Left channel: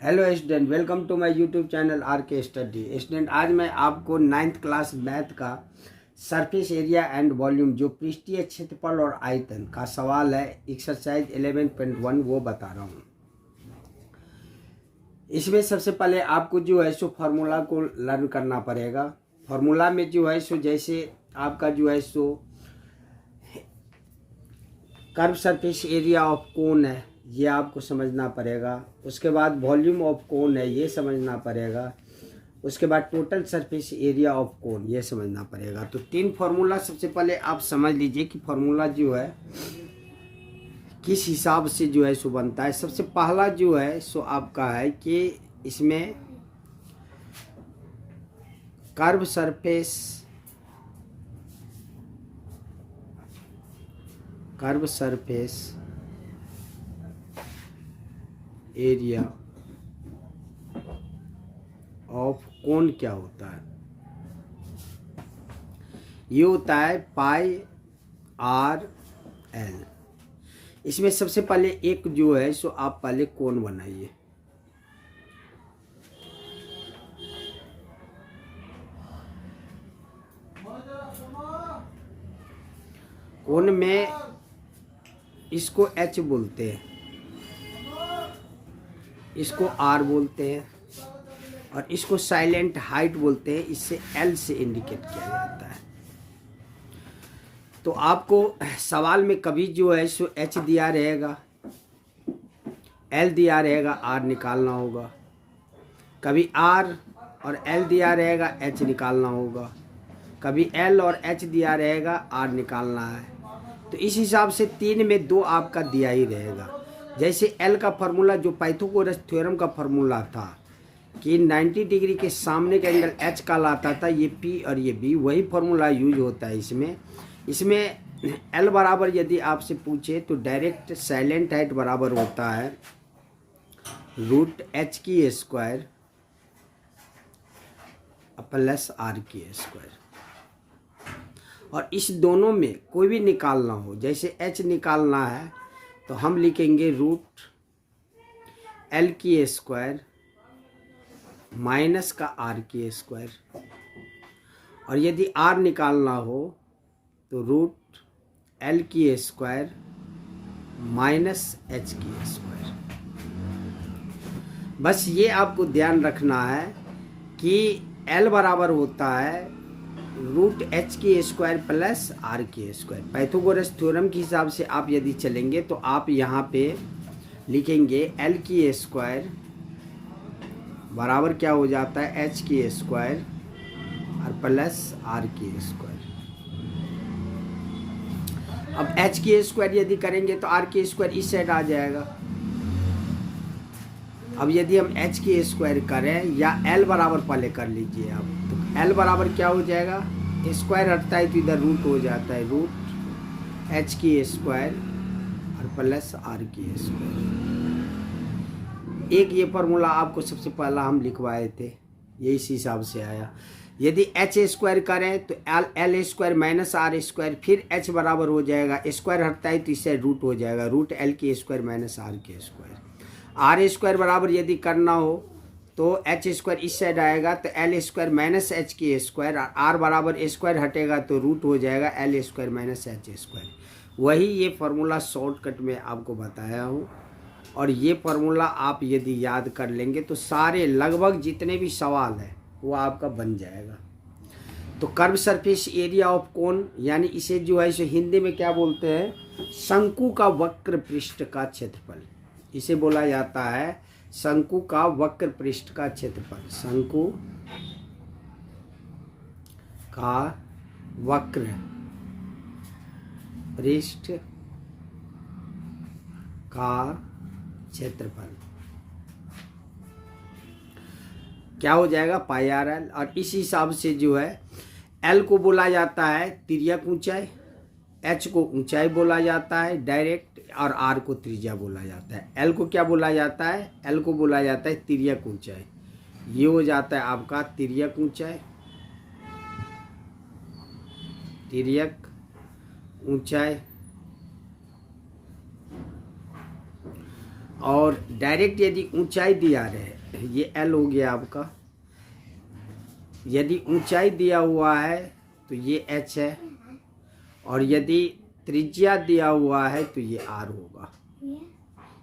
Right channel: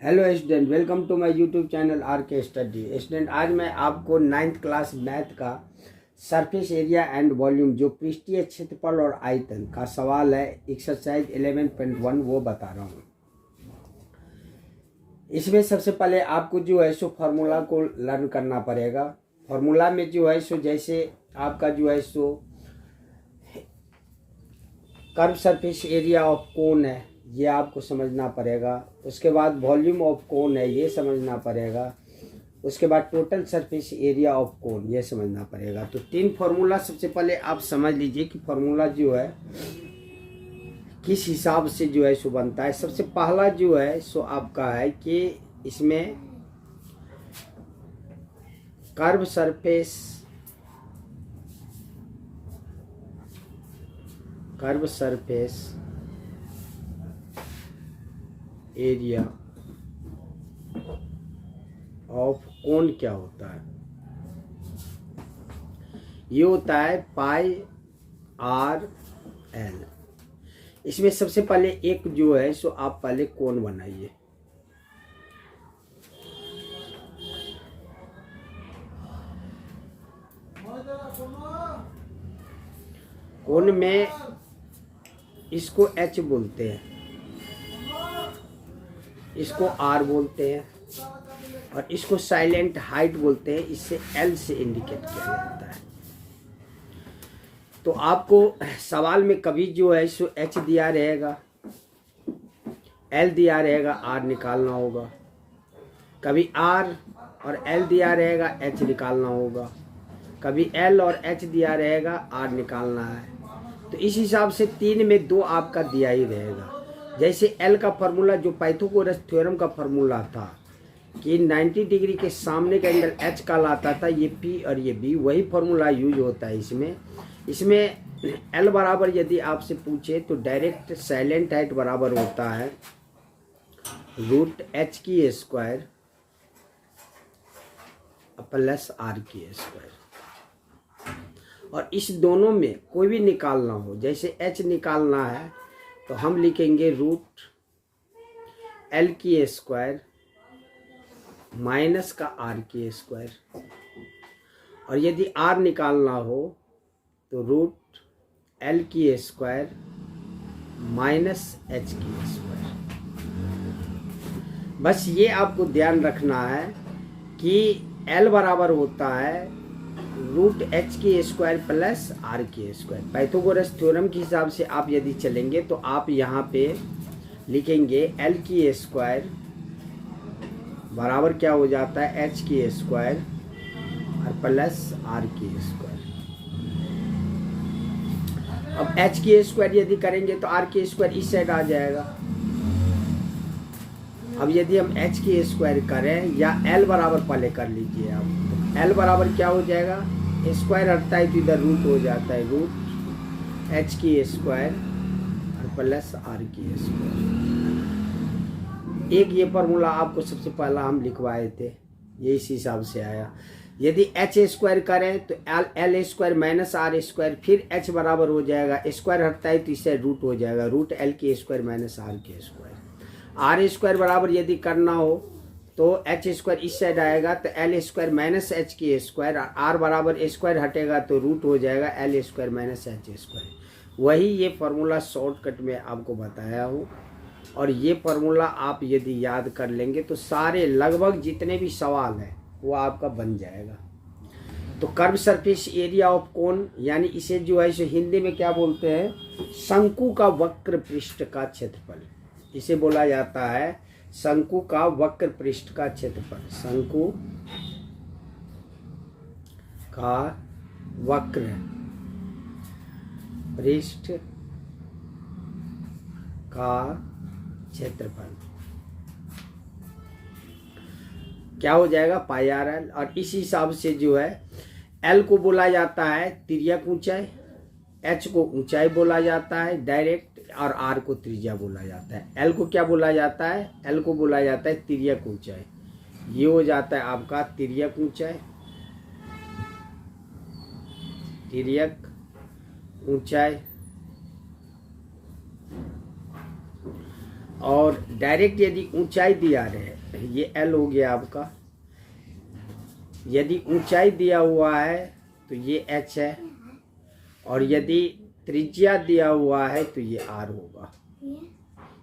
Hello student, welcome to my YouTube channel R K study. Student, आज मैं आपको 9th class math का surface area and volume जो पृष्ठीय क्षेत्रफल और आयतन का सवाल है एक्सरसाइज 11.1 वो बता रहा हूँ। इसमें सबसे पहले आपको जो है सो फार्मूला को लर्न करना पड़ेगा। फार्मूला में जो है सो जैसे आपका जो है सो curve surface area of cone है, ये आपको समझना पड़ेगा। उसके बाद वॉल्यूम ऑफ कोन है, ये समझना पड़ेगा। उसके बाद टोटल सरफेस एरिया ऑफ कोन, ये समझना पड़ेगा। तो 3 फार्मूला सबसे पहले आप समझ लीजिए कि फार्मूला जो है किस हिसाब से जो है सो बनता है। सबसे पहला जो है सो आपका है कि इसमें कर्व सरफेस एरिया ऑफ कोन क्या होता है, ये होता है पाई आर एल। इसमें सबसे पहले एक जो है सो आप पहले कोन बनाइए। कोन में इसको एच बोलते हैं, इसको आर बोलते हैं और इसको साइलेंट हाइट बोलते हैं। इससे एल से इंडिकेट किया जाता है। तो आपको सवाल में कभी जो है सो एच दिया रहेगा, एल दिया रहेगा, आर निकालना होगा। कभी आर और एल दिया रहेगा, एच निकालना होगा। कभी एल और एच दिया रहेगा, आर निकालना है। तो इस हिसाब से 3 में 2 आपका दिया ही रहेगा। जैसे एल का फार्मूला जो पाइथागोरस थ्योरम का फार्मूला था कि 90 डिग्री के सामने का एंगल एच का लाता था, ये पी और ये बी, वही फार्मूला यूज होता है इसमें एल बराबर यदि आपसे पूछे तो डायरेक्ट साइलेंट हाइट बराबर होता है रूट एच की स्क्वायर प्लस आर की स्क्वायर। और इस दोनों में कोई भी निकालना हो, जैसे एच निकालना है तो हम लिखेंगे रूट एल की स्क्वायर माइनस का आर की स्क्वायर। और यदि आर निकालना हो तो रूट एल की स्क्वायर माइनस एच की स्क्वायर। बस ये आपको ध्यान रखना है कि एल बराबर होता है रूट एच की स्क्वायर प्लस आर की स्क्वायर। पाइथागोरस थ्योरम के हिसाब से आप यदि चलेंगे तो आप यहाँ पे लिखेंगे एल की स्क्वायर बराबर क्या हो जाता है एच की स्क्वायर और प्लस आर की स्क्वायर। अब एच की स्क्वायर यदि करेंगे तो आर की स्क्वायर इस साइड आ जाएगा। अब यदि हम एच की स्क्वायर करें या एल बराबर पहले कर लीजिए आप, तो एल बराबर क्या हो जाएगा, स्क्वायर हटता है तो इधर रूट हो जाता है, रूट एच की स्क्वायर और प्लस आर की स्क्वायर। एक ये फार्मूला आपको सबसे पहला हम लिखवाए थे, ये इस हिसाब से आया। यदि एच स्क्वायर करें तो L square minus R square, फिर एच बराबर हो जाएगा, स्क्वायर हटता है तो इससे रूट हो जाएगा, रूट एल की स्क्वायर माइनस आर की स्क्वायर। आर स्क्वायर बराबर यदि करना हो तो एच स्क्वायर इस साइड आएगा तो एल स्क्वायर माइनस एच की स्क्वायर, आर बराबर स्क्वायर हटेगा तो रूट हो जाएगा L square minus H square. वही ये फार्मूला शॉर्टकट में आपको बताया हूँ। और ये फार्मूला आप यदि याद कर लेंगे तो सारे लगभग जितने भी सवाल हैं वो आपका बन जाएगा। तो कर्व सरफेस एरिया ऑफ कोन, यानी इसे जो है इसे हिंदी में क्या बोलते हैं, शंकु का वक्र पृष्ठ का क्षेत्रफल, इसे बोला जाता है शंकु का वक्र पृष्ठ का क्षेत्रफल। शंकु का वक्र पृष्ठ का क्षेत्रफल क्या हो जाएगा, पाई आर एल। और इस हिसाब से जो है एल को बोला जाता है तिर्यक ऊंचाई, एच को ऊंचाई बोला जाता है डायरेक्ट, और आर को त्रिज्या बोला जाता है। एल को क्या बोला जाता है, एल को बोला जाता है तिर्यक ऊंचाई। ये हो जाता है आपका तिर्यक ऊंचाई, तिर्यक ऊंचाई। और डायरेक्ट यदि ऊंचाई दिया रहे, ये L हो गया आपका, यदि ऊंचाई दिया हुआ है तो ये H है, और यदि त्रिज्या दिया हुआ है तो ये R होगा।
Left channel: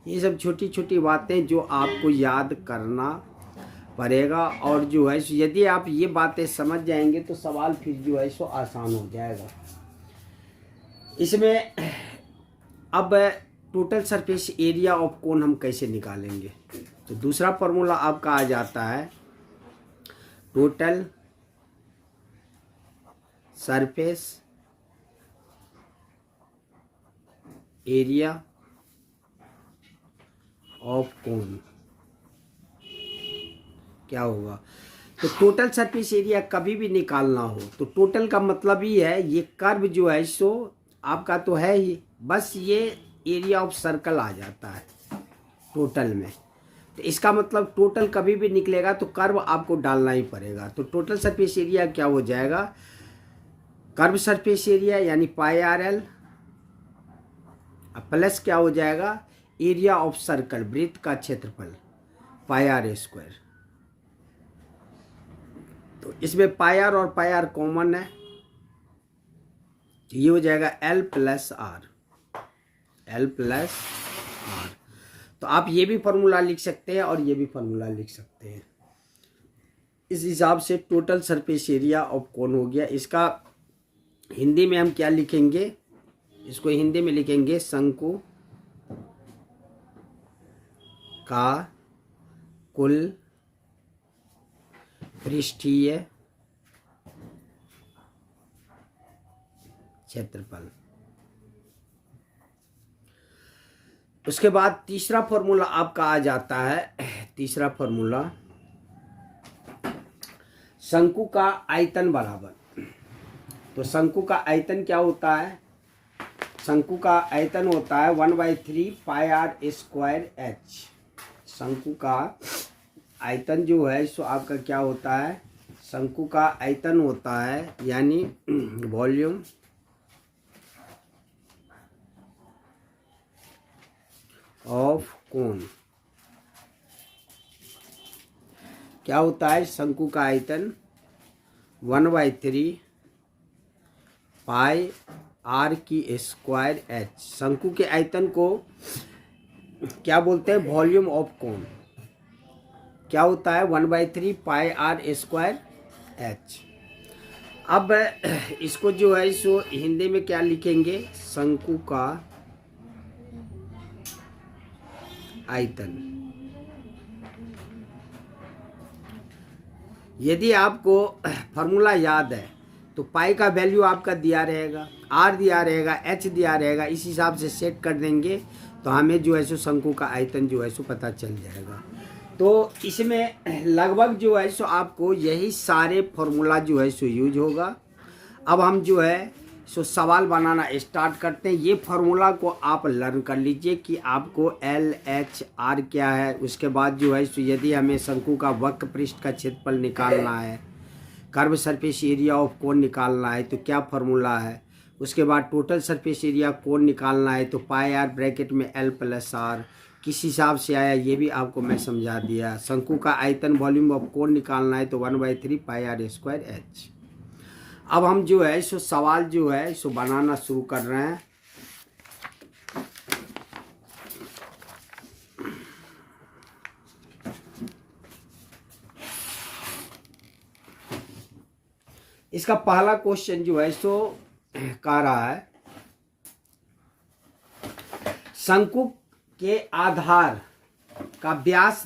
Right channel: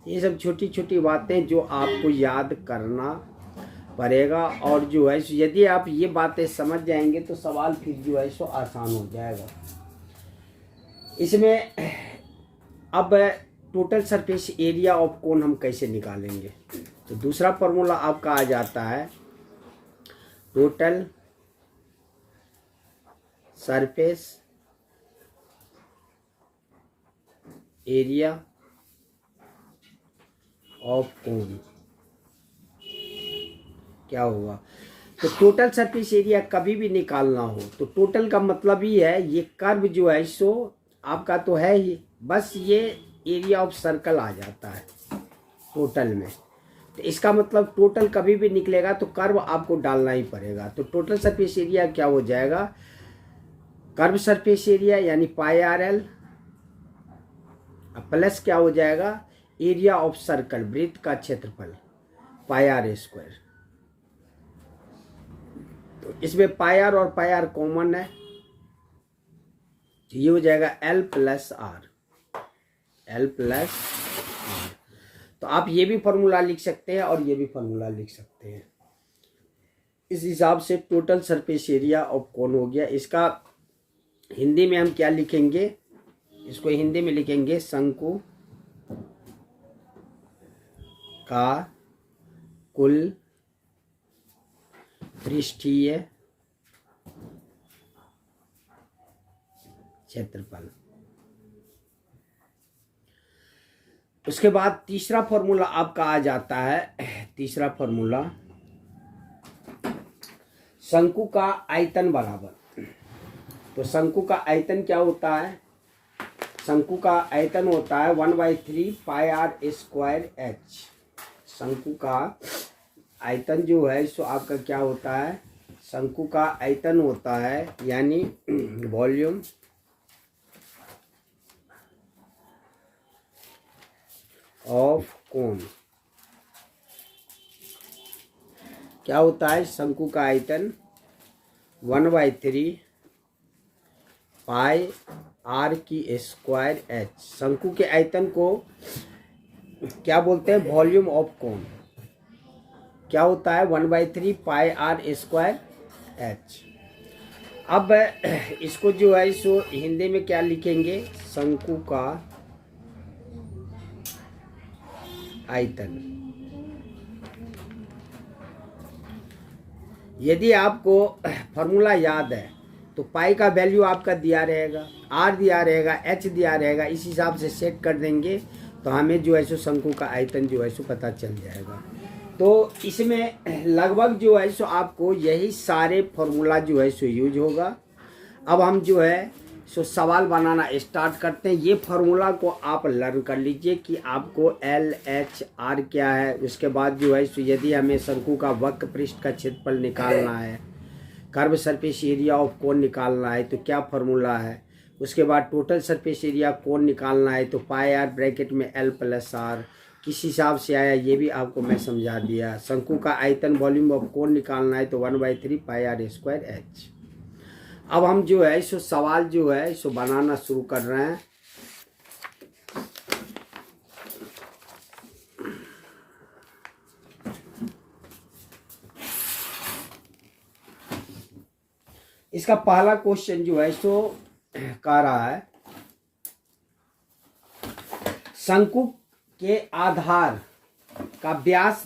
ये सब छोटी छोटी बातें जो आपको याद करना पड़ेगा, और जो है यदि आप ये बातें समझ जाएंगे तो सवाल फिर जो है सो आसान हो जाएगा। इसमें अब टोटल सरफेस एरिया ऑफ कोन हम कैसे निकालेंगे, तो दूसरा फॉर्मूला आपका आ जाता है टोटल सरफेस एरिया ऑफ कोन। क्या होगा, तो टोटल सरफेस एरिया कभी भी निकालना हो तो टोटल का मतलब ही है ये कर्व जो है सो आपका तो है ही, बस ये एरिया ऑफ सर्कल आ जाता है टोटल में। तो इसका मतलब टोटल कभी भी निकलेगा तो कर्व आपको डालना ही पड़ेगा। तो टोटल सरफेस एरिया क्या हो जाएगा, कर्व सरफेस एरिया यानी पाई आर एल प्लस क्या हो जाएगा, एरिया ऑफ सर्कल वृत्त का क्षेत्रफल पाई आर स्क्वायर। तो इसमें पाई आर और पाई आर कॉमन है, ये हो जाएगा L plus R, L plus R. तो आप ये भी फॉर्मूला लिख सकते हैं और ये भी फॉर्मूला लिख सकते हैं। इस हिसाब से टोटल सरफेस एरिया ऑफ कोन हो गया। इसका हिंदी में हम क्या लिखेंगे, इसको हिंदी में लिखेंगे शंकु का कुल पृष्ठीय क्षेत्रफल। उसके बाद तीसरा फॉर्मूला आपका आ जाता है, तीसरा फॉर्मूला शंकु का आयतन बराबर। तो शंकु का आयतन क्या होता है, शंकु का आयतन होता है 1/3 पाई आर स्क्वायर एच। शंकु का आयतन जो है सो आपका क्या होता है, शंकु का आयतन होता है यानी वॉल्यूम ऑफ कोन। क्या होता है, शंकु का आयतन 1/3 पाई आर की स्क्वायर एच। शंकु के आयतन को क्या बोलते हैं, वॉल्यूम ऑफ कोन। क्या होता है 1/3 पाई आर स्क्वायर एच। अब इसको जो है सो हिंदी में क्या लिखेंगे, शंकु का आयतन। यदि आपको फॉर्मूला याद है तो पाई का वैल्यू आपका दिया रहेगा, आर दिया रहेगा, एच दिया रहेगा, इस हिसाब से सेट कर देंगे तो हमें जो है सो शंकु का आयतन जो है सो पता चल जाएगा। तो इसमें लगभग जो है सो आपको यही सारे फॉर्मूला जो है सो यूज होगा। अब हम जो है सो सवाल बनाना स्टार्ट करते हैं। ये फार्मूला को आप लर्न कर लीजिए कि आपको एल एच आर क्या है। उसके बाद जो है सो यदि हमें शंकु का वक्र पृष्ठ का क्षेत्रफल निकालना है, कर्व सरफेस एरिया ऑफ कोन निकालना है तो क्या फार्मूला है। उसके बाद टोटल सरफेस एरिया कोन निकालना है तो पाई आर ब्रैकेट में एल प्लस आर किस हिसाब से आया ये भी आपको मैं समझा दिया। शंकु का आयतन वॉल्यूम ऑफ कोन निकालना है तो 1/3 पाई आर स्क्वायर एच। अब हम जो है सो सवाल जो है सो बनाना शुरू कर रहे हैं। इसका पहला क्वेश्चन जो है सो कह रहा है शंकु के आधार का व्यास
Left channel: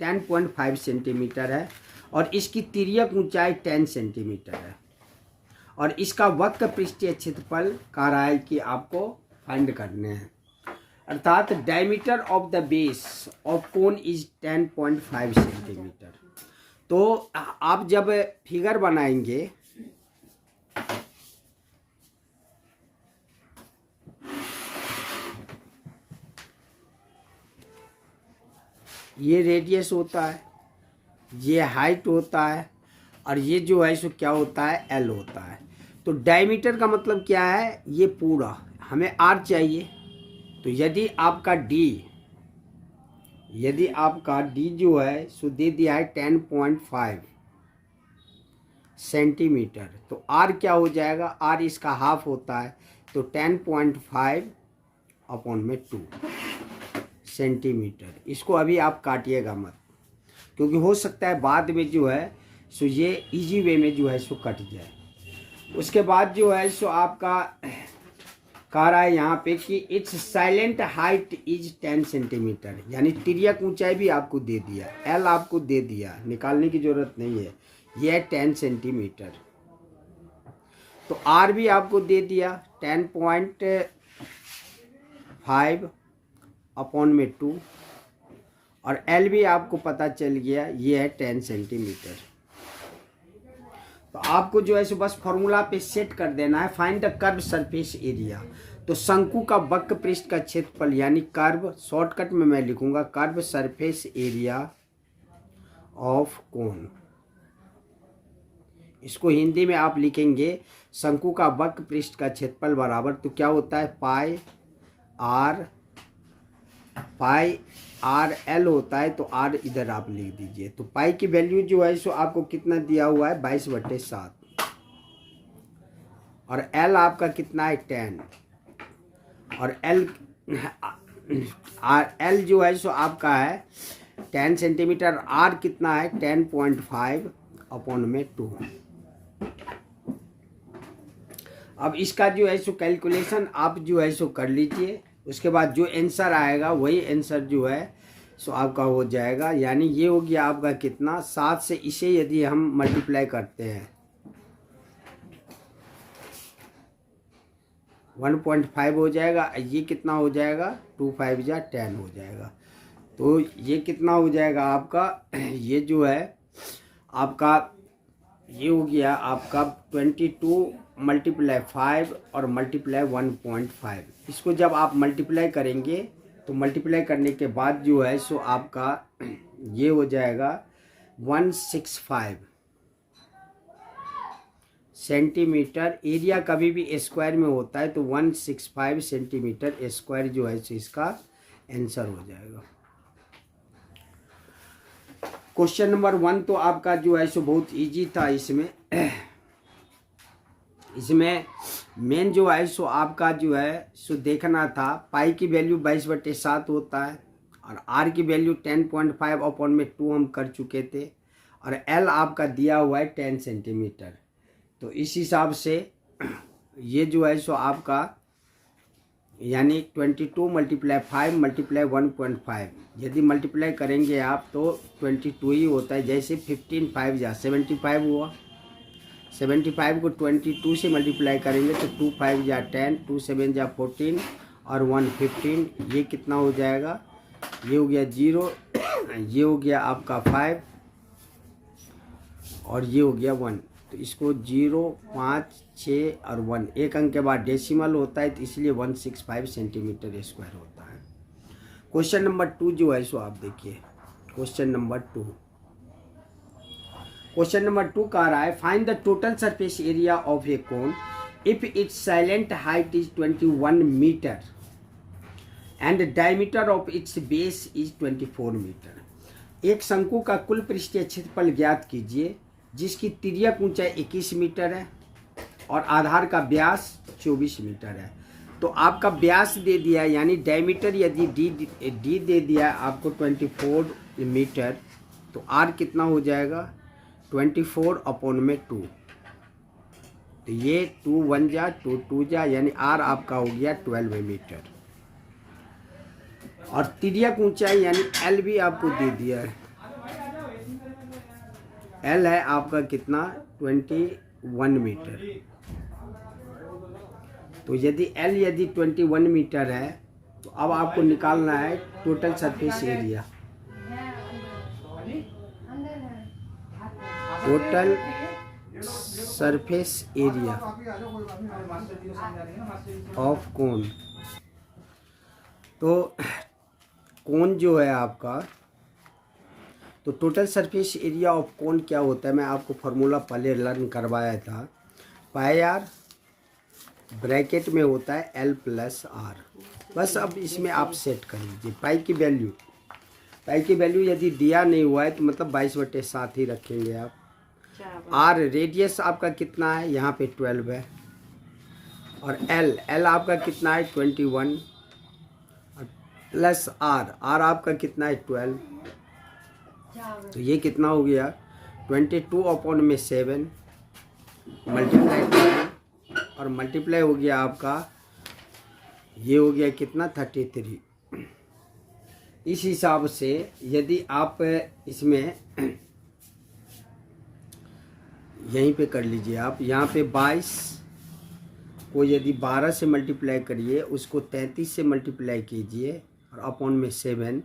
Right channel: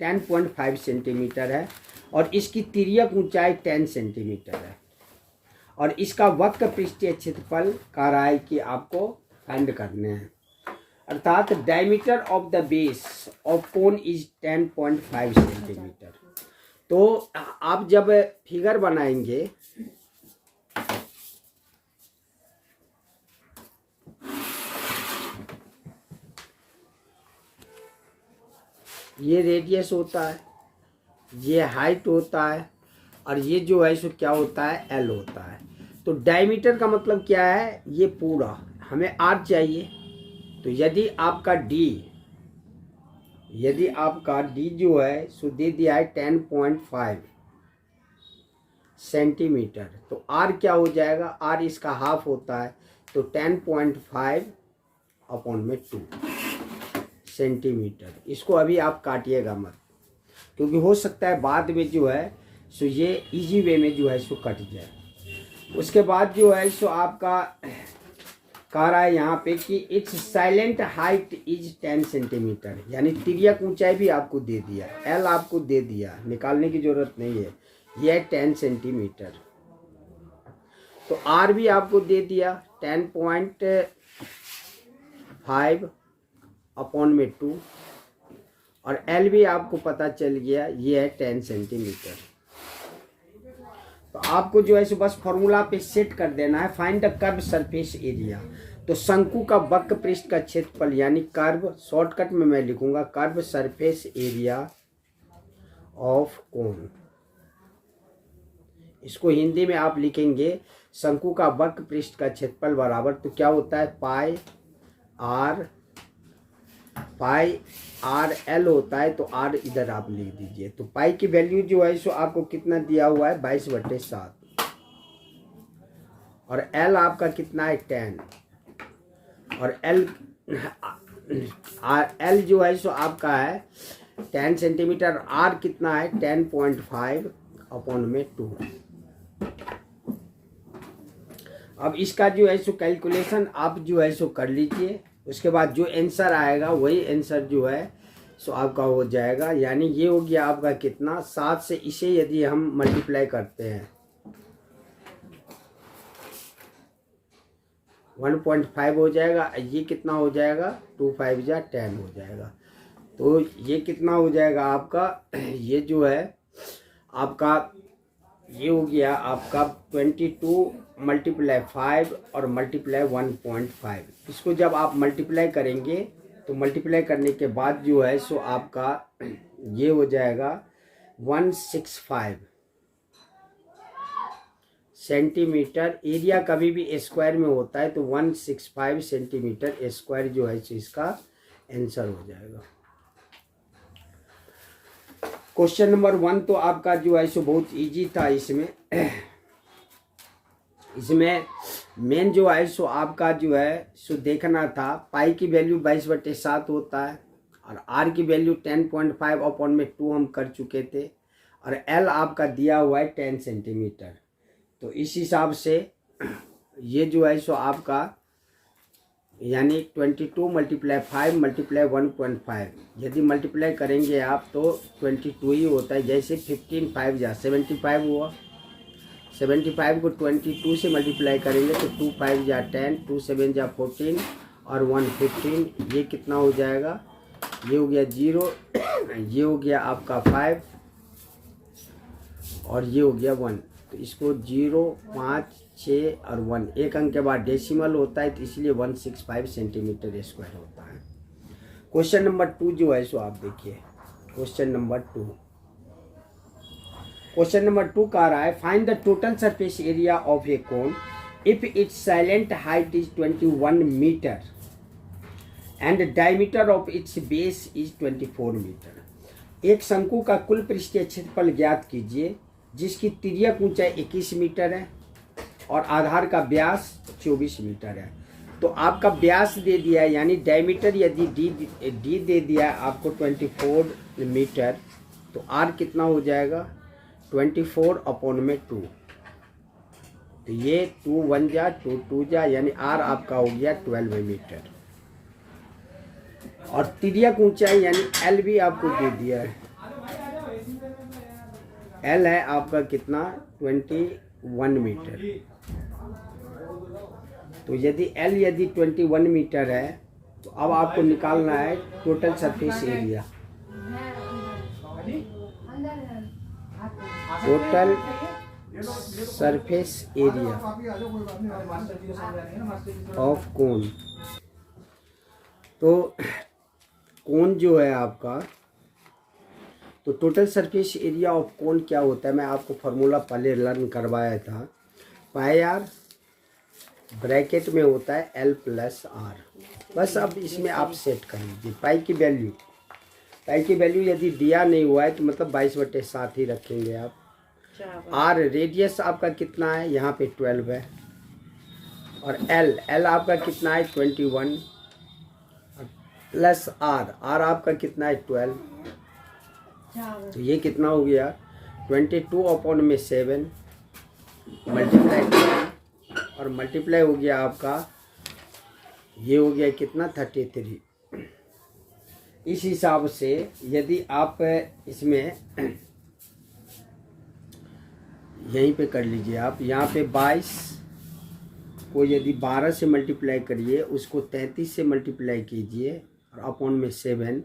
10.5 सेंटीमीटर है और इसकी तिर्यक ऊंचाई 10 सेंटीमीटर है और इसका वक्र पृष्ठीय क्षेत्रफल कह रहा है कि आपको फाइंड करने हैं। अर्थात diameter of the base of cone is 10.5 centimetre. तो आप जब फिगर बनाएंगे ये रेडियस होता है, ये हाइट होता है और ये जो है सो क्या होता है एल होता है। तो डायमीटर का मतलब क्या है, ये पूरा हमें आर चाहिए। तो यदि आपका डी यदि आपका डी जो है सो दे दिया है 10.5 सेंटीमीटर, तो आर क्या हो जाएगा, आर इसका हाफ होता है, तो 10.5 अपॉन में 2 सेंटीमीटर। इसको अभी आप काटिएगा मत, क्योंकि हो सकता है बाद में जो है सो ये इजी वे में जो है सो कट जाए। उसके बाद जो है सो आपका कह रहा है यहाँ पे कि it's silent height is 10 centimetre, यानी तिर्यक ऊंचाई भी आपको दे दिया, एल आपको दे दिया, निकालने की जरूरत नहीं है, ये है 10 सेंटीमीटर। तो आर भी आपको दे दिया 10.5 अपॉन में 2, और एल भी आपको पता चल गया, ये है 10 सेंटीमीटर। तो आपको जो है सो बस फॉर्मूला पे सेट कर देना है, find the curve surface area. तो शंकु का वक्र पृष्ठ का क्षेत्रफल यानी कर्व, शॉर्टकट में मैं लिखूंगा कर्व सरफेस एरिया ऑफ कोन। इसको हिंदी में आप लिखेंगे शंकु का वक्र पृष्ठ का क्षेत्रफल बराबर, तो क्या होता है पाई आर एल होता है, तो आर इधर आप लिख दीजिए। तो पाई की वैल्यू जो है सो आपको कितना दिया हुआ है 22/7, और एल आपका कितना है 10, और एल जो है सो आपका है 10 सेंटीमीटर, आर कितना है 10.5 अपॉन में 2। अब इसका जो है सो कैलकुलेशन आप जो है सो कर लीजिए, उसके बाद जो आंसर आएगा वही आंसर जो है सो आपका हो जाएगा। यानी ये हो गया आपका कितना, 7 से इसे यदि हम मल्टीप्लाई करते हैं 1.5 हो जाएगा, ये कितना हो जाएगा 2 5 जा 10 हो जाएगा। तो ये कितना हो जाएगा आपका, ये जो है आपका ये हो गया आपका 22 × 5 और मल्टीप्लाई 1.5। इसको जब आप मल्टीप्लाई करेंगे तो मल्टीप्लाई करने के बाद जो है सो आपका ये हो जाएगा 165 सेंटीमीटर। एरिया कभी भी स्क्वायर में होता है, तो 165 सेंटीमीटर स्क्वायर जो है सो इसका आंसर हो जाएगा। क्वेश्चन नंबर 1 तो आपका जो है सो बहुत इजी था। इसमें मेन जो है सो आपका जो है सो देखना था, पाई की वैल्यू 22/7 होता है, और आर की वैल्यू 10.5 अपॉन में 2 हम कर चुके थे, और एल आपका दिया हुआ है 10 सेंटीमीटर। तो इस हिसाब से ये जो है सो आपका यानी 22 × 5 × 1.5, यदि मल्टीप्लाई करेंगे आप तो 22 ही होता है। जैसे 15 5 जा 75 हुआ, 75 को 22 से मल्टीप्लाई करेंगे तो 2 5 जा 10, 2 7 जा 14 और 1 15। ये कितना हो जाएगा, ये हो गया 0, ये हो गया आपका 5 और ये हो गया 1। तो इसको 0 5 6 और 1, एक अंक के बाद डेसिमल होता है, तो इसलिए 165 सेंटीमीटर स्क्वायर होता है। क्वेश्चन नंबर 2 जो है सो आप देखिए, क्वेश्चन नंबर 2 कह रहा है find the total surface area of a cone if its silent height is 21 metre and diameter of its base is 24 metre. एक शंकु का कुल पृष्ठीय क्षेत्रफल ज्ञात कीजिए जिसकी तिर्यक ऊंचाई 21 मीटर है और आधार का व्यास 24 मीटर है। तो आपका व्यास दे दिया है, यानी डायमीटर यदि डी दे दिया आपको 24 मीटर, तो आर कितना हो जाएगा 24 अपॉन में 2। तो ये 2 1 जा 2 2 जा, यानी आर आपका हो गया 12 मीटर। और तिर्यक ऊंचाई यानी एल भी आपको दे दिया है, एल है आपका कितना 21 मीटर। तो यदि एल 21 मीटर है तो अब आपको निकालना है total surface area. Total surface area of कोन। तो कोन जो है आपका, तो टोटल सरफेस एरिया ऑफ कोन क्या होता है, मैं आपको फॉर्मूला पहले लर्न करवाया था। पाई आर ब्रैकेट में होता है L + R। बस अब इसमें आप सेट कर लीजिए। पाई की वैल्यू पाई की वैल्यू यदि दिया नहीं हुआ है तो मतलब 22/7 ही रखेंगे आप। आर रेडियस आपका कितना है, यहाँ पे 12 है। और एल आपका कितना है 21 प्लस आर आपका कितना है 12। तो ये कितना हो गया 22/7 मल्टीप्लाई और मल्टीप्लाई हो गया आपका, ये हो गया कितना 33। इस हिसाब से यदि आप इसमें यहीं पे कर लीजिए आप, यहाँ पे 22 को यदि 12 से मल्टीप्लाई करिए, उसको 33 से मल्टीप्लाई कीजिए और अपॉन में 7,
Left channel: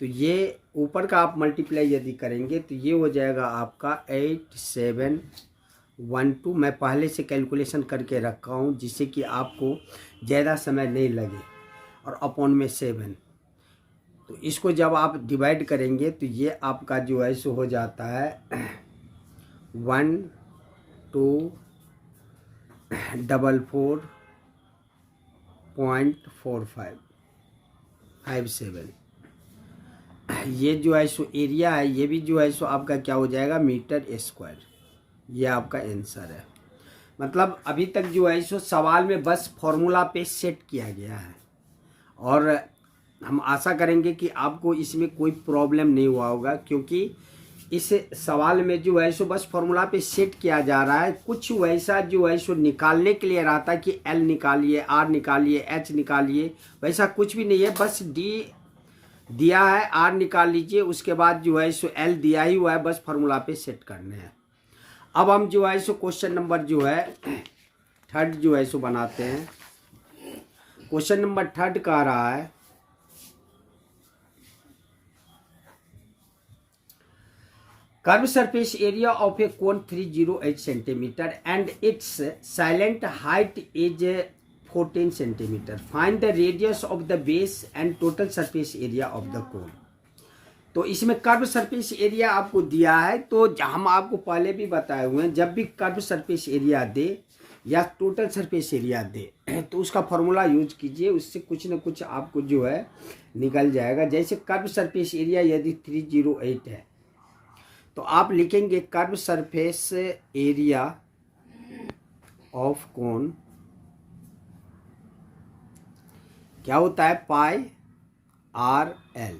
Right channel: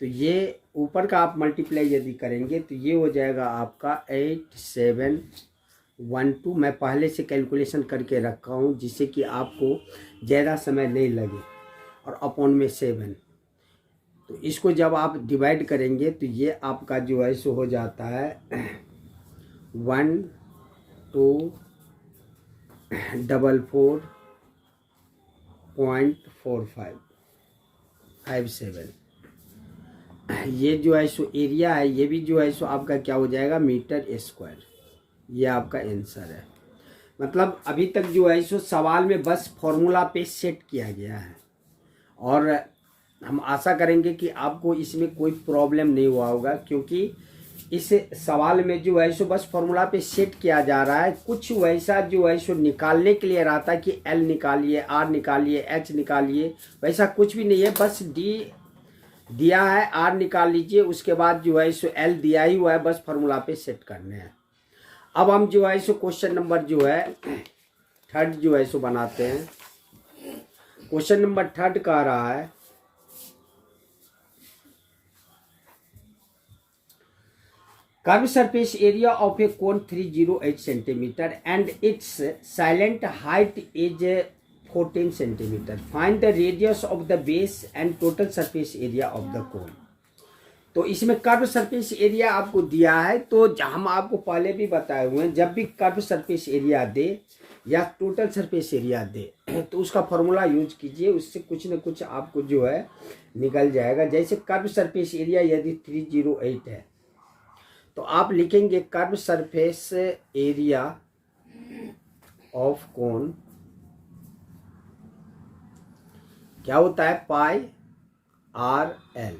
तो ये ऊपर का आप मल्टीप्लाई यदि करेंगे तो ये हो जाएगा आपका 8712। मैं पहले से कैलकुलेशन करके रखा हूँ जिससे कि आपको ज़्यादा समय नहीं लगे। और अपॉन में 7, तो इसको जब आप डिवाइड करेंगे तो ये आपका जो है सो हो जाता है 1244.4557। ये जो है सो एरिया है, ये भी जो है सो आपका क्या हो जाएगा मीटर स्क्वायर। ये आपका आंसर है। मतलब अभी तक जो है सो सवाल में बस फॉर्मूला पे सेट किया गया है और हम आशा करेंगे कि आपको इसमें कोई प्रॉब्लम नहीं हुआ होगा, क्योंकि इस सवाल में जो है सो बस फॉर्मूला पे सेट किया जा रहा है। कुछ वैसा जो है सो निकालने के लिए रहता है कि एल निकालिए, आर निकालिए, एच निकालिए, वैसा कुछ भी नहीं है। बस डी दिया है, आर निकाल लीजिए, उसके बाद जो है सो एल दिया ही हुआ है, बस फॉर्मूला पे सेट करने हैं। अब हम जो है सो क्वेश्चन नंबर जो है 3 जो है सो बनाते हैं। क्वेश्चन नंबर 3 कह रहा है curve surface area of a cone 308 centimetre and it's silent height is 14 centimetre. Find the radius of the base and total surface area of the cone. तो इसमें कर्व सरफेस एरिया आपको दिया है, तो हम आपको पहले भी बताए हुए हैं, जब भी कर्व सरफेस एरिया दे या टोटल सरफेस एरिया दे तो उसका फॉर्मूला यूज कीजिए, उससे कुछ न कुछ आपको जो है निकल जाएगा। जैसे कर्व सरफेस एरिया यदि 308 है तो आप लिखेंगे कर्व सरफेस एरिया ऑफ कोन क्या होता है पाई आर एल।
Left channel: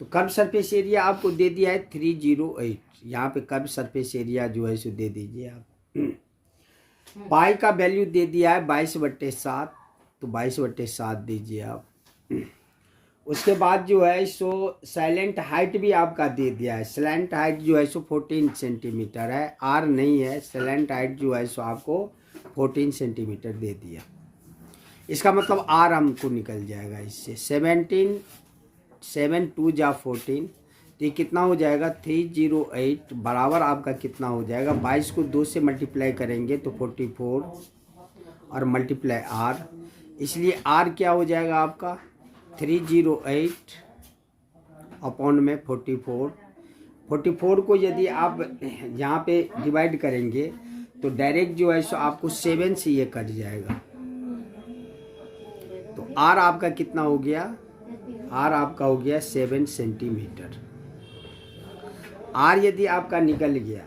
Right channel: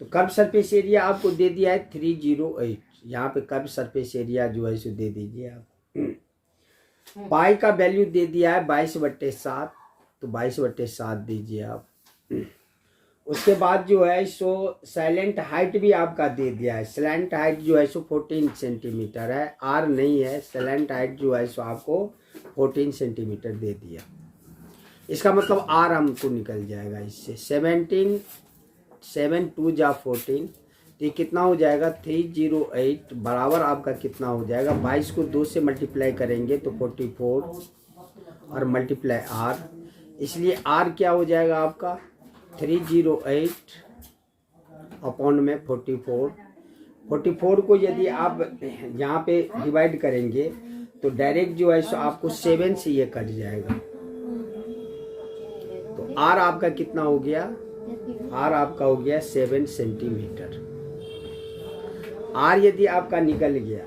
तो कर्व सरफेस एरिया आपको दे दिया है 308, यहाँ पे कर्व सरफेस एरिया जो है सो दे दीजिए आप। पाई का वैल्यू दे दिया है 22/7, तो 22/7 दीजिए आप। उसके बाद जो है सो साइलेंट हाइट भी आपका दे दिया है। साइलेंट हाइट जो है सो 14 सेंटीमीटर है, आर नहीं है। साइलेंट हाइट जो है सो आपको 14 सेंटीमीटर दे दिया। इसका मतलब आर हमको निकल जाएगा इससे 17 7 2 जा 14, तो ये कितना हो जाएगा 308 बराबर आपका कितना हो जाएगा 22 को 2 से मल्टीप्लाई करेंगे तो 44 और मल्टीप्लाई आर, इसलिए आर क्या हो जाएगा आपका 308 अपॉन में 44 को यदि आप यहाँ पे डिवाइड करेंगे तो डायरेक्ट जो है सो आपको 7 से ये कट जाएगा। तो आर आपका कितना हो गया, आर आपका हो गया 7 सेंटीमीटर। आर यदि आपका निकल गया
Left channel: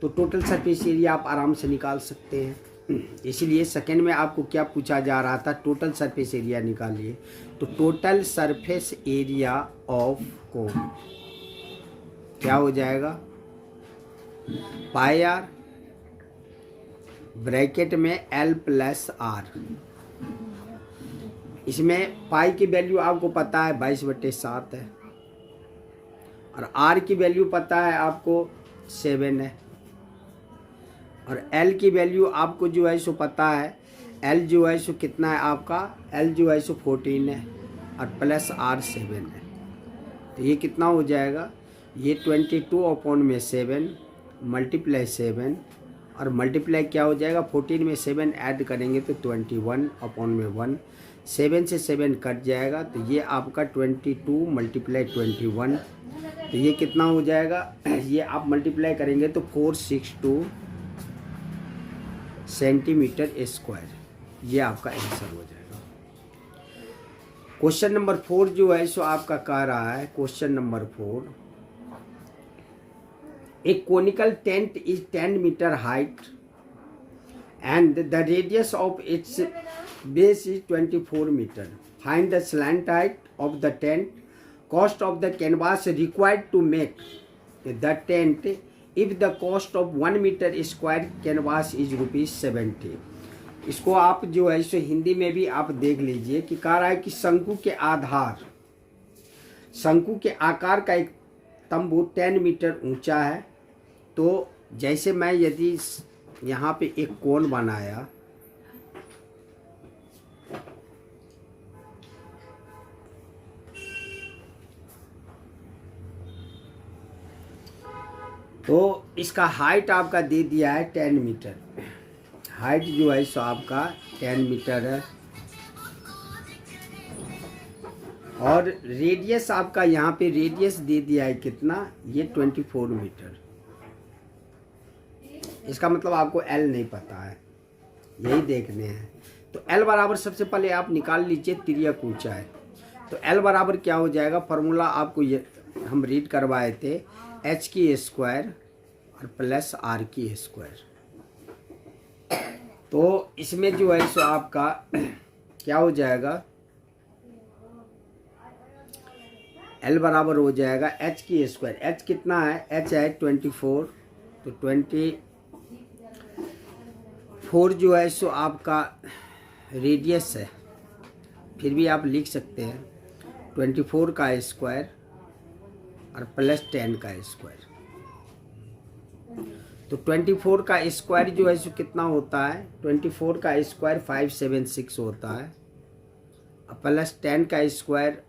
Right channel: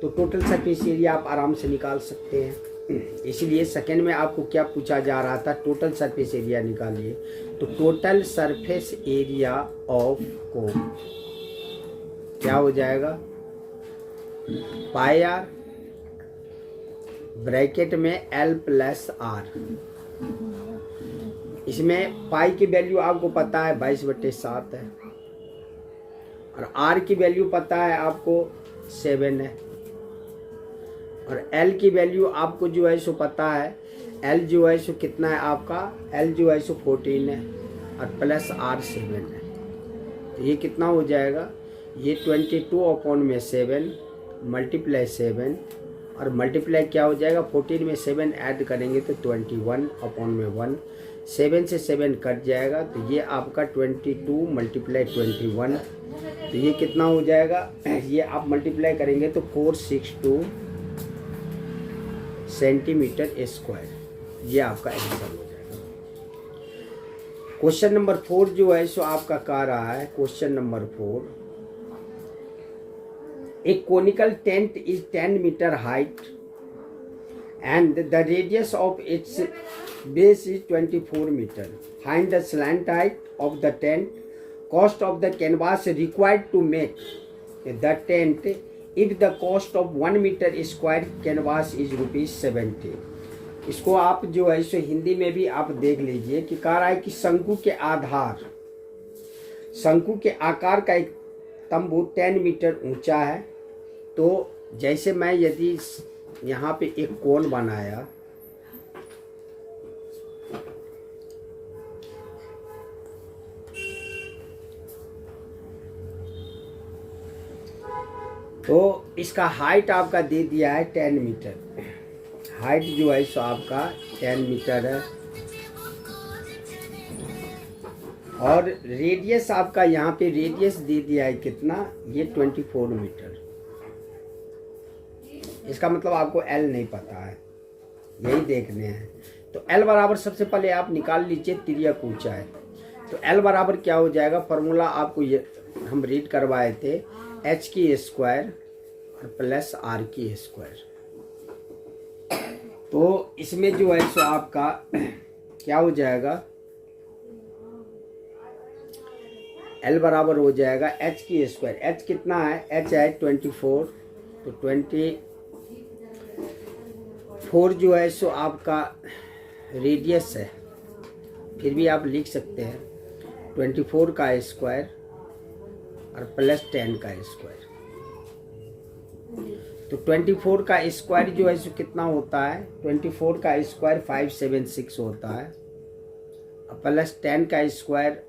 तो टोटल सरफेस एरिया आप आराम से निकाल सकते हैं। इसलिए सेकंड में आपको क्या पूछा जा रहा था, टोटल सरफेस एरिया निकालिए। तो टोटल सरफेस एरिया ऑफ कोन क्या हो जाएगा पाई आर ब्रैकेट में एल प्लस आर। इसमें पाई की वैल्यू आपको पता है 22/7 है और आर की वैल्यू पता है आपको 7 है और एल की वैल्यू आपको जो है सो पता है, एल जो है सो कितना है आपका, एल जो है सो 14 है और प्लस आर 7 है। तो ये कितना हो जाएगा, ये 22/7 मल्टीप्लाई 7 और मल्टीप्लाई क्या हो जाएगा 14 में 7 ऐड करेंगे तो 21/1, 7 से 7 कट जाएगा तो ये आपका 22 मल्टीप्लाई 21, तो ये कितना हो जाएगा, ये आप मल्टीप्लाई करेंगे तो 462 सेंटीमीटर स्क्वायर। ये आपका आंसर हो जाएगा। क्वेश्चन नंबर 4 जो है सो आपका कह रहा है, question number 4, a conical tent is 10 metre height and the radius of its base is 24 metre. Find the slant height of the tent. Cost of the canvas required to make the tent if the cost of 1 metre square canvas is ₹70. इसको आप जो है इसे हिंदी में भी आप देख लीजिए कि कह रहा है कि शंकु के आधार, शंकु के आकार का एक तंबू 10 मीटर ऊंचा है. तो जैसे मैं यदि यहाँ पे एक कोण बनाया, तो इसका हाइट आपका दे दिया है 10 मीटर. हाइट जो है सो आपका 10 मीटर है और रेडियस आपका यहाँ पे रेडियस दे दिया है कितना, ये 24 मीटर. इसका मतलब आपको L नहीं पता है, यही देखने हैं. तो L बराबर सबसे पहले आप निकाल लीजिए तिर्यक ऊंचाई. तो L बराबर क्या हो जाएगा, फॉर्मूला आपको ये हम रीड करवाए थे, h की स्क्वायर प्लस r की स्क्वायर. तो इसमें जो है सो आपका क्या हो जाएगा, L बराबर हो जाएगा h की स्क्वायर. h कितना है, h है 24. तो 24 जो है सो आपका रेडियस है, फिर भी आप लिख सकते हैं 24 का स्क्वायर और प्लस 10 का स्क्वायर. तो 24 का स्क्वायर जो है सो कितना होता है, 24 का स्क्वायर 576 होता है और प्लस 10 का स्क्वायर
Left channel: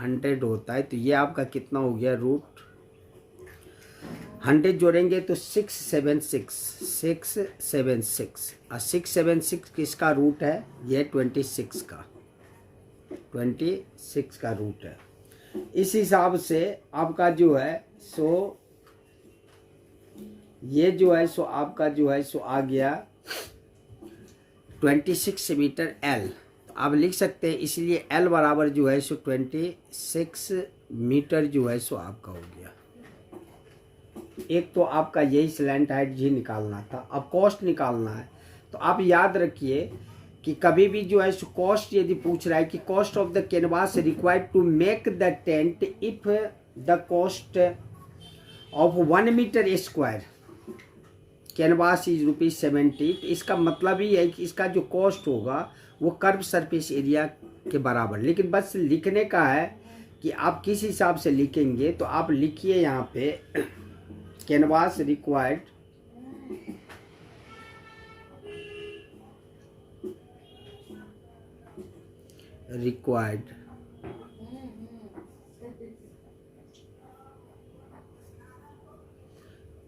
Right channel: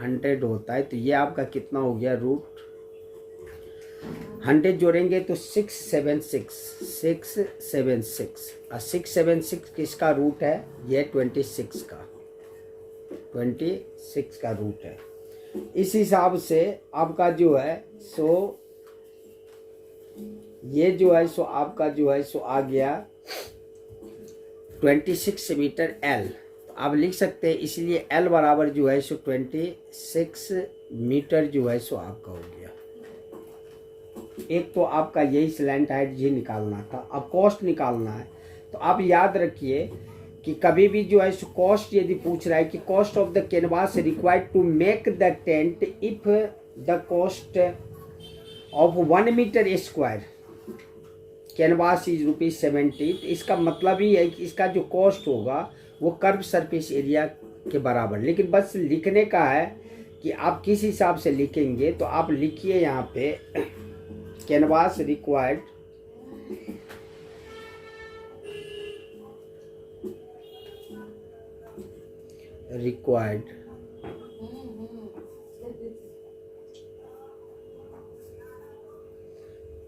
100 होता है. तो ये आपका कितना हो गया, √100 जोड़ेंगे तो 676 और 676 किसका रूट है, ये 26 का रूट है. इस हिसाब से आपका जो है सो ये जो है सो आपका जो है सो आ गया 26 मीटर L. आप लिख सकते हैं, इसलिए L बराबर जो है सो 26 मीटर जो है सो आपका हो गया. एक तो आपका यही स्लैंट हाइट जी निकालना था. अब कॉस्ट निकालना है. तो आप याद रखिए कि कभी भी जो है सो कॉस्ट यदि पूछ रहा है कि cost of the canvas required to make the tent if the cost of 1 metre square canvas is ₹70. तो इसका मतलब ही है कि इसका जो कॉस्ट होगा वो कर्व सरफेस एरिया के बराबर. लेकिन बस लिखने का है कि आप किस हिसाब से लिखेंगे. तो आप लिखिए यहाँ पे canvas required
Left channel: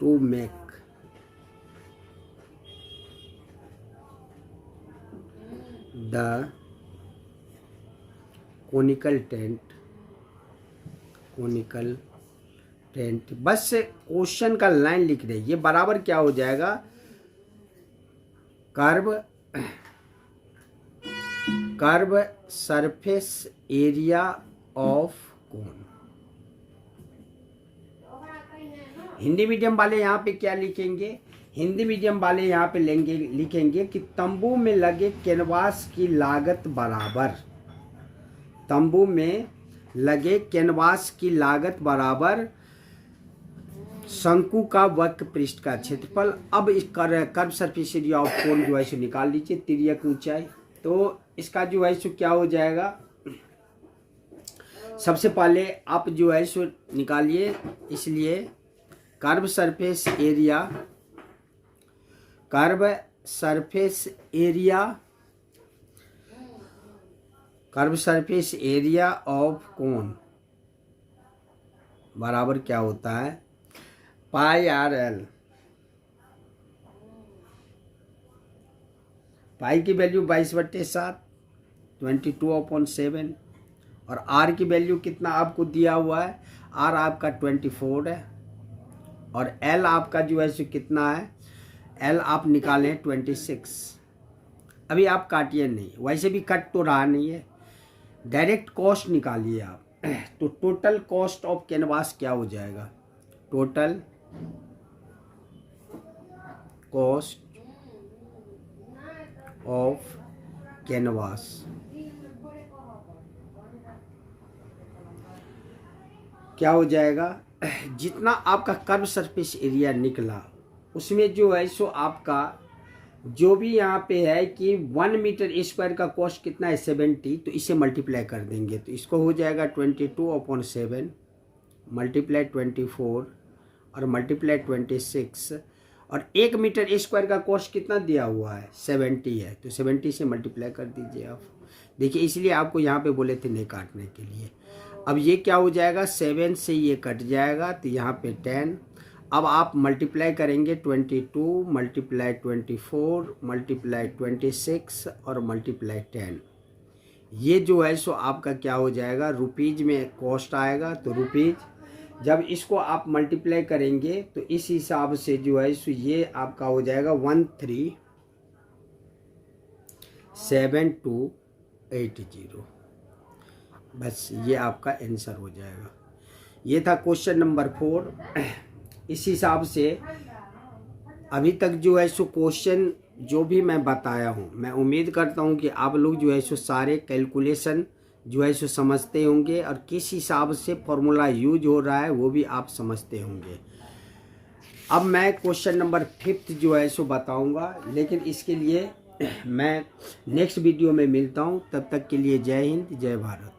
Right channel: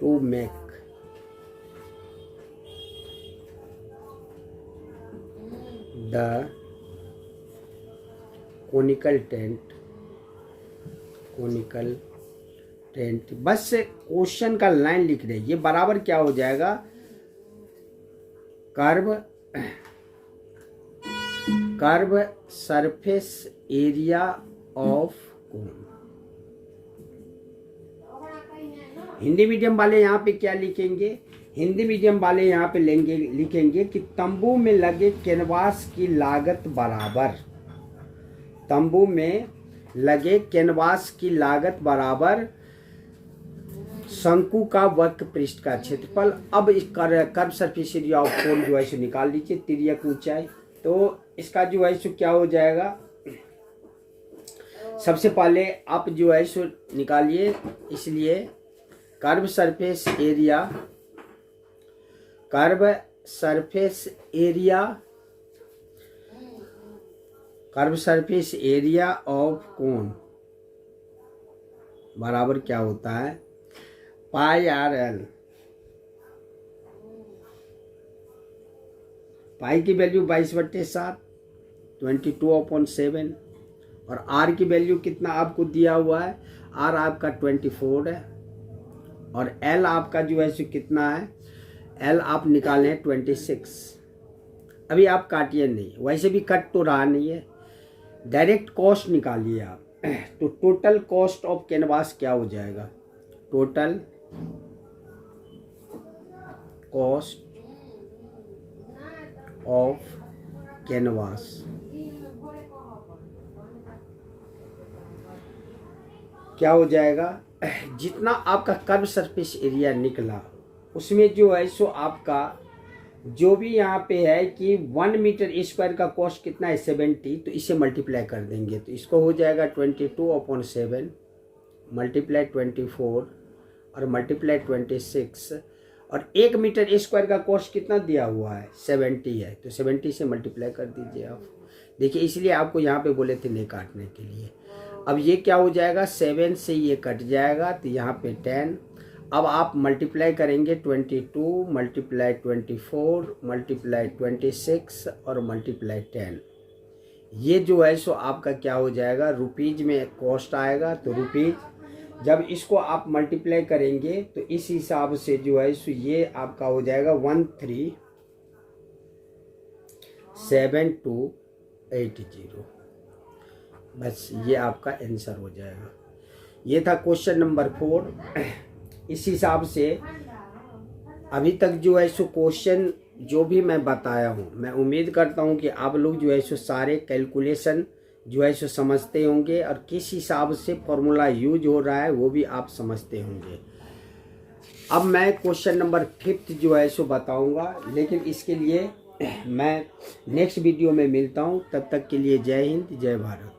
to make the conical tent. बस क्वेश्चन का लाइन लिख रहे. ये बराबर क्या हो जाएगा, curve surface area of cone. Hindi medium वाले यहाँ पे क्या लिखेंगे, हिंदी मीडियम वाले यहाँ पे लिखेंगे कि तंबू में लगे कैनवास की लागत बराबर, तंबू में लगे कैनवास की लागत बराबर शंकु का वक्र पृष्ठ का क्षेत्रफल. अब इस कर्व सरफेस एरिया ऑफ कोन जो है सो निकाल लीजिए तिर्यक ऊंचाई. तो इसका जो है सो क्या हो जाएगा, सबसे पहले आप जो है सो निकालिए. इसलिए कर्व सरफेस एरिया ऑफ कोन बराबर क्या होता है, πRL. पाई की वैल्यू 22/7 22/7 और आर की वैल्यू कितना आपको दिया हुआ है, आर आपका 24 है और एल आपका जो है सो कितना है, एल आप निकालें 26. अभी आप काटिए नहीं, वैसे भी कट तो रहा नहीं है, डायरेक्ट कॉस्ट निकालिए आप। तो टोटल कॉस्ट ऑफ कैनवास क्या हो जाएगा, टोटल कॉस्ट ऑफ कैनवास क्या हो जाएगा, जितना आपका कर्व सरफेस एरिया निकला उसमें जो है सो आपका जो भी यहाँ पे है कि 1 मीटर स्क्वायर का कॉस्ट कितना है 70, तो इसे मल्टीप्लाई कर देंगे तो इसको हो जाएगा 22/7 मल्टीप्लाई 24 और मल्टीप्लाई 26, और 1 मीटर स्क्वायर का कॉस्ट कितना दिया हुआ है 70 है, तो 70 से मल्टीप्लाई कर दीजिए आप। देखिए इसलिए आपको यहाँ पे बोले थे नहीं काटने के लिए। अब ये क्या हो जाएगा, 7 से ये कट जाएगा तो यहाँ पे 10। अब आप मल्टीप्लाई करेंगे 22 मल्टीप्लाई 24 मल्टीप्लाई 26 और मल्टीप्लाई 10। ये जो है सो आपका क्या हो जाएगा, रुपीज में कॉस्ट आएगा, तो रुपीज जब इसको आप मल्टीप्लाई करेंगे तो इस हिसाब से जो है सो ये आपका हो जाएगा 137280। बस ये आपका आंसर हो जाएगा। ये था क्वेश्चन नंबर 4। इस हिसाब से अभी तक जो है सो क्वेश्चन जो भी मैं बताया हूँ, मैं उम्मीद करता हूँ कि आप लोग जो है सो सारे कैलकुलेशन जो है सो समझते होंगे और किस हिसाब से फॉर्मूला यूज हो रहा है वो भी आप समझते होंगे। अब मैं क्वेश्चन नंबर 5 जो है सो बताऊँगा, लेकिन इसके लिए मैं नेक्स्ट वीडियो में मिलता हूँ। तब तक के लिए जय हिंद जय भारत।